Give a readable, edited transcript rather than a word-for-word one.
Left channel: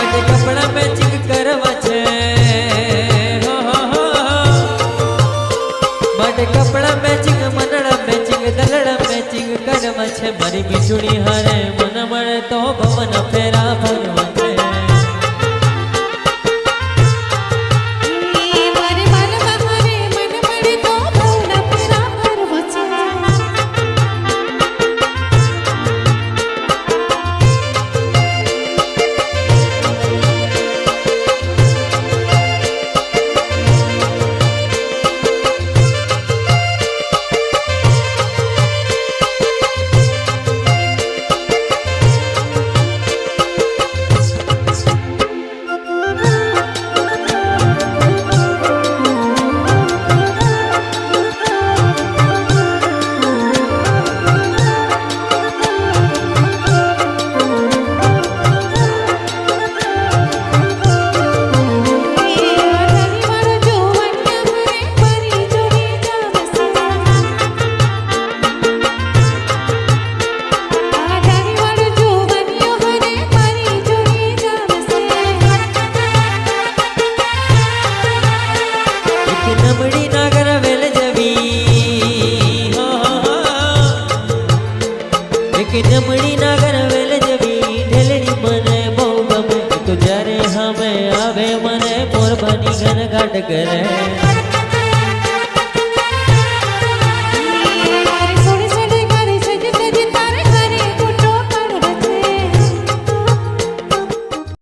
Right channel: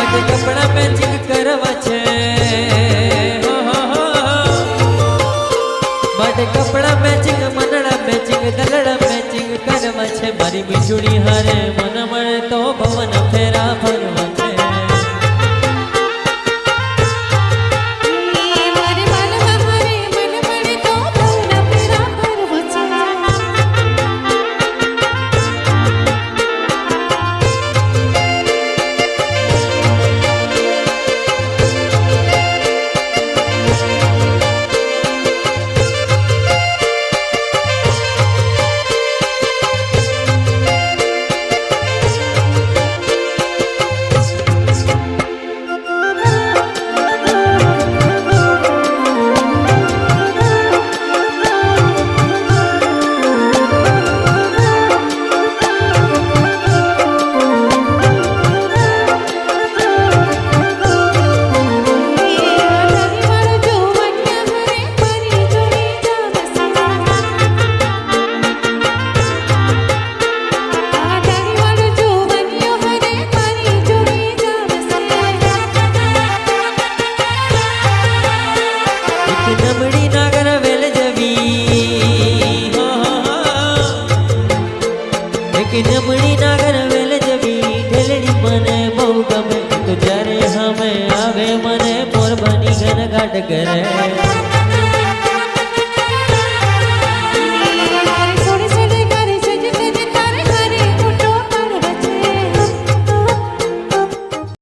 માટે કપડા મેચિંગ કરવા છે માટે કપડા મેચિંગ મનડા મેચિંગ દલડા મેચિંગ કરવા છે મારી મીઠુડી હારે મન મળે તો ભવન ફેરા ફરવા છે નમડી નાગર વેલ જવી એક નમડી નાગર વેલ જવી ઢેલડી મને બહુ ગમે તો જ્યારે હમે આવે મને મોર બની ઘન ઘાટ કરે